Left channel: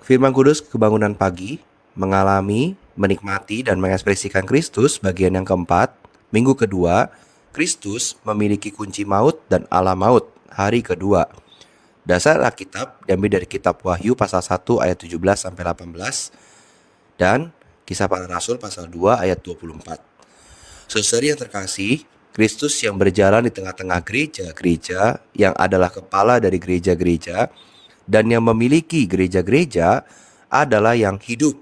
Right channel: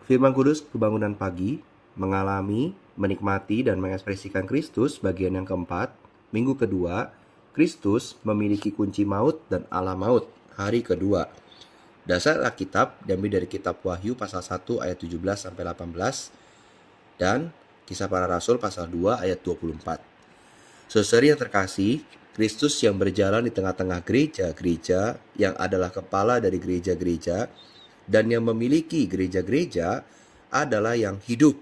Firman Kudus Kebangunan Pagi mengalami, menikmati, dan mengekspresikan Kristus bagian yang keempat. Minggu kedua, Kristus memiliki kunci maut dan alam maut. Hari kedua. Dasar Alkitab diambil dari kitab Wahyu pasal 1 ayat 17 sampai 18 dan Kisah Para Rasul pasal 2 ayat 24. Saudari yang terkasih, Kristus yang berjalan di tengah-tengah gereja-gereja yang adalah kepala dari gereja-gereja dan yang memiliki gereja-gereja adalah yang hidup.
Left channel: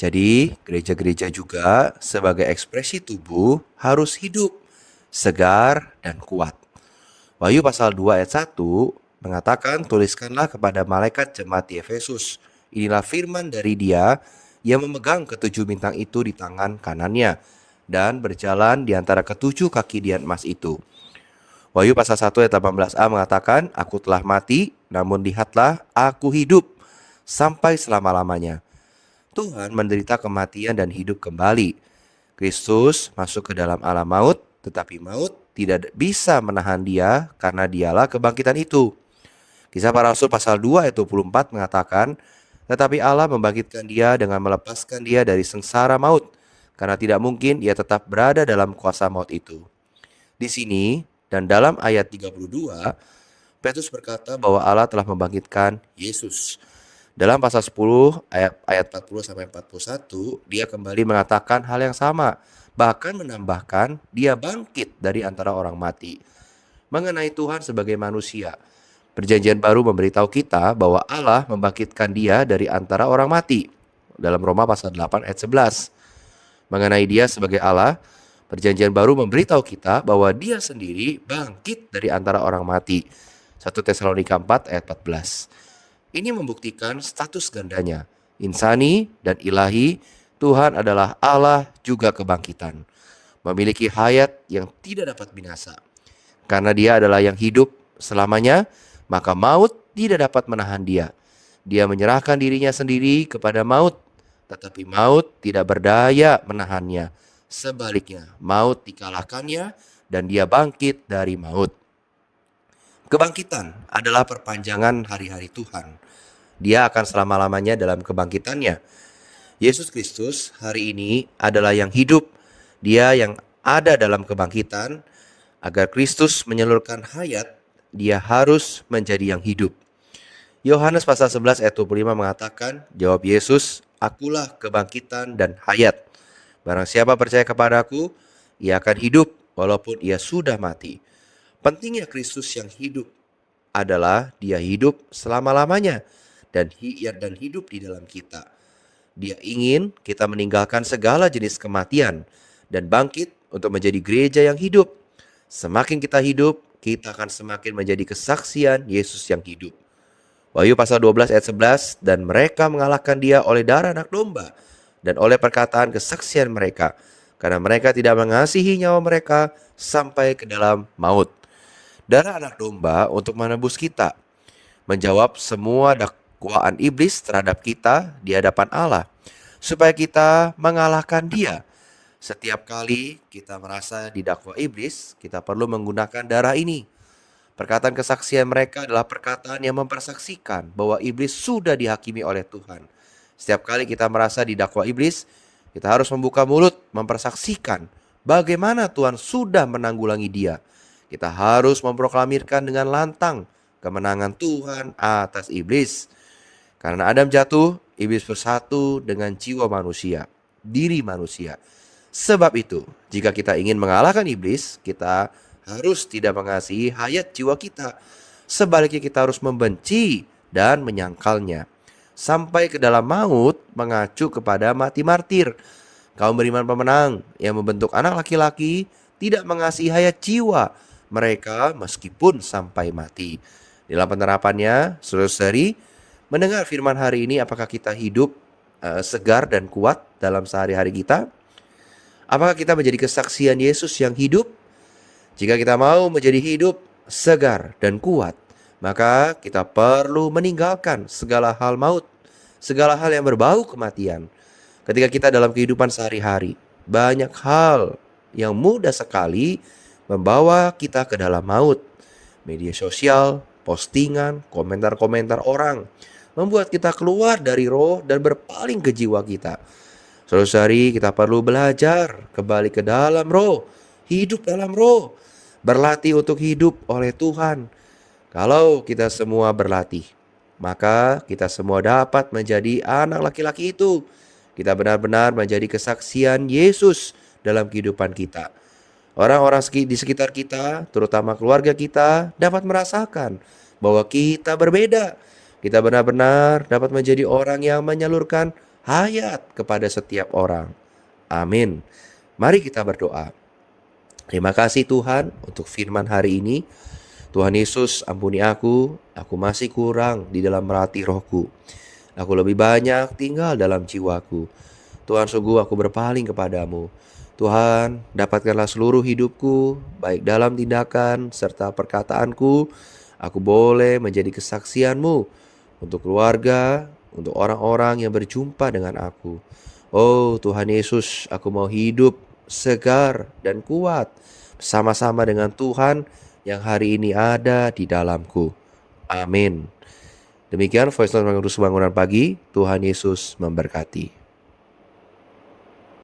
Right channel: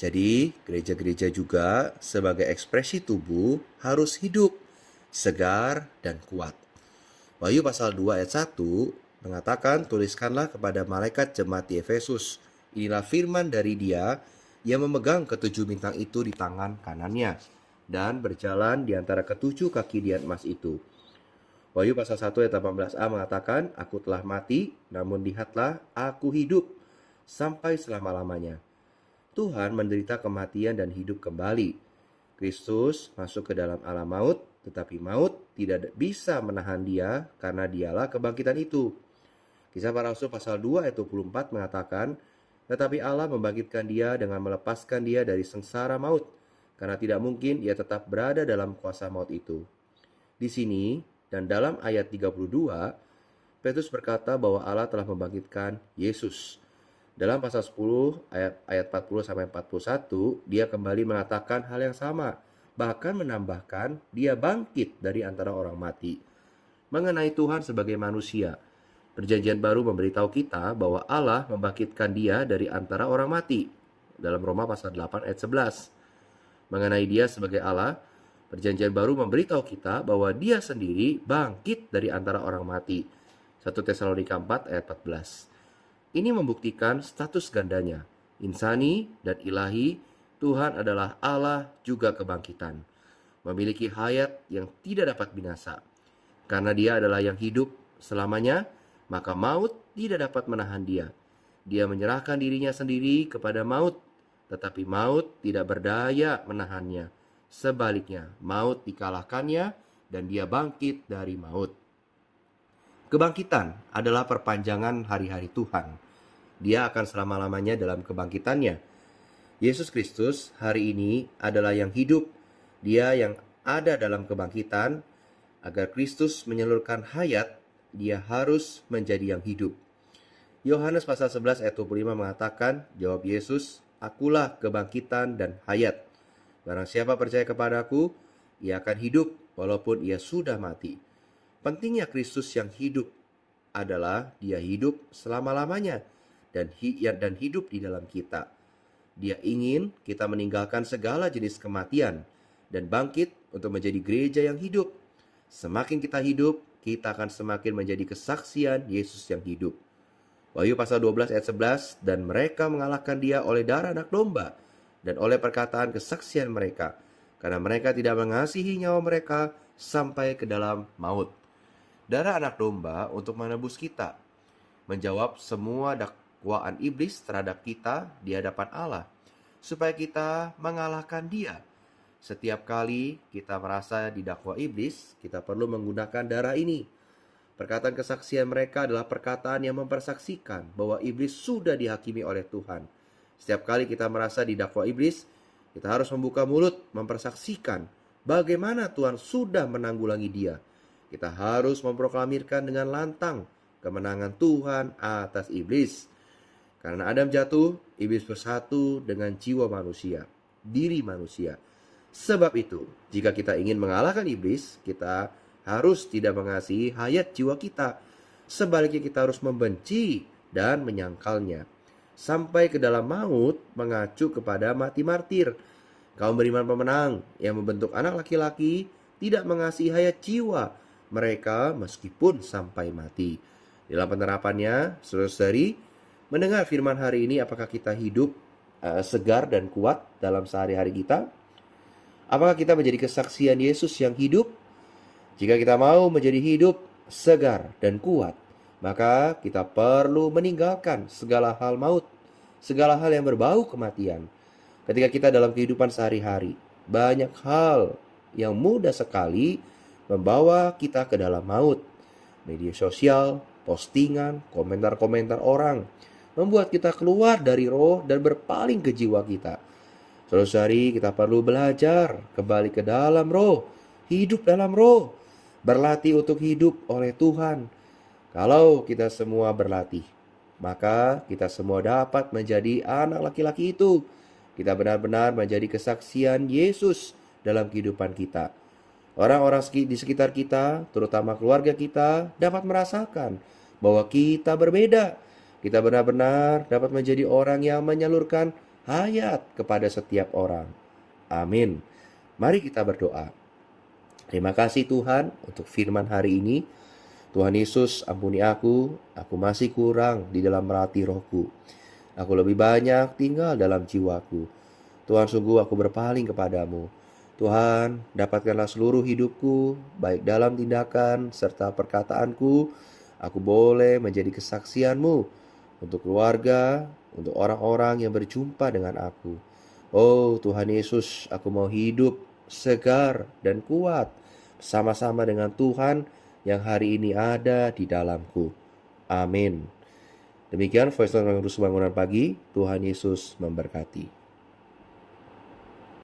Jadi gereja-gereja juga sebagai ekspresi tubuh harus hidup, segar, dan kuat. Wahyu pasal 2 ayat 1 mengatakan, tuliskanlah kepada malaikat jemaat di Efesus. Inilah firman dari Dia yang memegang ketujuh bintang itu di tangan kanannya dan berjalan di antara ketujuh kaki dian emas itu. Wahyu pasal 1 ayat 18a mengatakan, aku telah mati, namun lihatlah aku hidup sampai selama-lamanya. Tuhan menderita kematian dan hidup kembali. Kristus masuk ke dalam alam maut, tetapi maut tidak bisa menahan dia karena dialah kebangkitan itu. Kisah Para Rasul pasal 2 ayat 24 mengatakan, tetapi Allah membangkitkan dia dengan melepaskan dia dari sengsara maut, karena tidak mungkin ia tetap berada dalam kuasa maut itu. Di sini dan dalam ayat 32, Petrus berkata bahwa Allah telah membangkitkan Yesus. Dalam pasal 10 ayat 40 sampai 41, dia kembali mengatakan hal yang sama, bahkan menambahkan dia bangkit dari antara orang mati. Mengenai Tuhan sebagai manusia, Perjanjian Baru memberitahu kita bahwa Allah membangkitkan dia dari antara orang mati. Dalam Roma pasal 8 ayat 11. Mengenai dia sebagai Allah, Perjanjian Baru memberitahu kita bahwa dia sendiri bangkit dari antara orang mati. 1 Tesalonika 4 ayat 14. Ini membuktikan status gandanya. Insani dan ilahi, Tuhan adalah Allah juga kebangkitan. Memiliki hayat yang tidak dapat binasa. Karena dia adalah yang hidup selamanya, maka maut tidak dapat menahan dia. Dia menyerahkan dirinya sendiri kepada maut, tetapi maut tidak berdaya menahannya. Sebaliknya, maut dikalahkannya dan dia bangkit dari maut. Kebangkitan adalah perpanjangan hari-hari Tuhan. Dia akan selama-lamanya dalam kebangkitannya. Yesus Kristus hari ini adalah yang hidup. Dia yang ada dalam kebangkitan. Agar Kristus menyalurkan hayat, dia harus menjadi yang hidup. Yohanes pasal 11 ayat 25 mengatakan, jawab Yesus, akulah kebangkitan dan hayat. Barang siapa percaya kepadaku, ia akan hidup walaupun ia sudah mati. Pentingnya Kristus yang hidup adalah dia hidup selama-lamanya dan hidup di dalam kita. Dia ingin kita meninggalkan segala jenis kematian dan bangkit untuk menjadi gereja yang hidup. Semakin kita hidup, kita akan semakin menjadi kesaksian Yesus yang hidup. Wahyu pasal 12 ayat 11, dan mereka mengalahkan dia oleh darah anak domba dan oleh perkataan kesaksian mereka, karena mereka tidak mengasihi nyawa mereka sampai ke dalam maut. Darah anak domba untuk menebus kita, menjawab semua dakwaan iblis terhadap kita di hadapan Allah, supaya kita mengalahkan dia. Setiap kali kita merasa didakwa iblis, kita perlu menggunakan darah ini. Perkataan kesaksian mereka adalah perkataan yang mempersaksikan bahwa iblis sudah dihakimi oleh Tuhan. Setiap kali kita merasa didakwa iblis, kita harus membuka mulut, mempersaksikan bagaimana Tuhan sudah menanggulangi dia. Kita harus memproklamirkan dengan lantang kemenangan Tuhan atas iblis. Karena Adam jatuh, iblis bersatu dengan jiwa manusia, diri manusia. Sebab itu, jika kita ingin mengalahkan iblis, kita harus tidak mengasihi hayat jiwa kita. Sebaliknya kita harus membenci dan menyangkalnya. Sampai ke dalam maut mengacu kepada mati martir. Kaum beriman pemenang yang membentuk anak laki-laki tidak mengasihi hayat jiwa mereka meskipun sampai mati. Dalam penerapannya, saudara-saudari, mendengar firman hari ini, apakah kita hidup segar dan kuat dalam sehari-hari kita? Apakah kita menjadi kesaksian Yesus yang hidup? Jika kita mau menjadi hidup, segar, dan kuat, maka kita perlu meninggalkan segala hal maut, segala hal yang berbau kematian. Ketika kita dalam kehidupan sehari-hari, banyak hal yang mudah sekali membawa kita ke dalam maut. Media sosial, postingan, komentar-komentar orang, membuat kita keluar dari roh dan berpaling ke jiwa kita. Saudara-saudari, kita perlu belajar kembali ke dalam roh, hidup dalam roh, berlatih untuk hidup oleh Tuhan. Kalau kita semua berlatih, maka kita semua dapat menjadi anak laki-laki itu. Kita benar-benar menjadi kesaksian Yesus dalam kehidupan kita. Orang-orang di sekitar kita, terutama keluarga kita, dapat merasakan bahwa kita berbeda. Kita benar-benar dapat menjadi orang yang menyalurkan hayat kepada setiap orang. Amin. Mari kita berdoa. Terima kasih Tuhan untuk firman hari ini. Tuhan Yesus, ampuni aku masih kurang di dalam melatih rohku. Aku lebih banyak tinggal dalam jiwaku. Tuhan, sungguh aku berpaling kepadamu. Tuhan, dapatkanlah seluruh hidupku, baik dalam tindakan serta perkataanku. Aku boleh menjadi kesaksian-Mu untuk keluarga, untuk orang-orang yang berjumpa dengan aku. Oh Tuhan Yesus, aku mau hidup segar dan kuat bersama-sama dengan Tuhan yang hari ini ada di dalamku. Amin. Demikian Voice Note Pengurus Bangunan Pagi. Tuhan Yesus memberkati.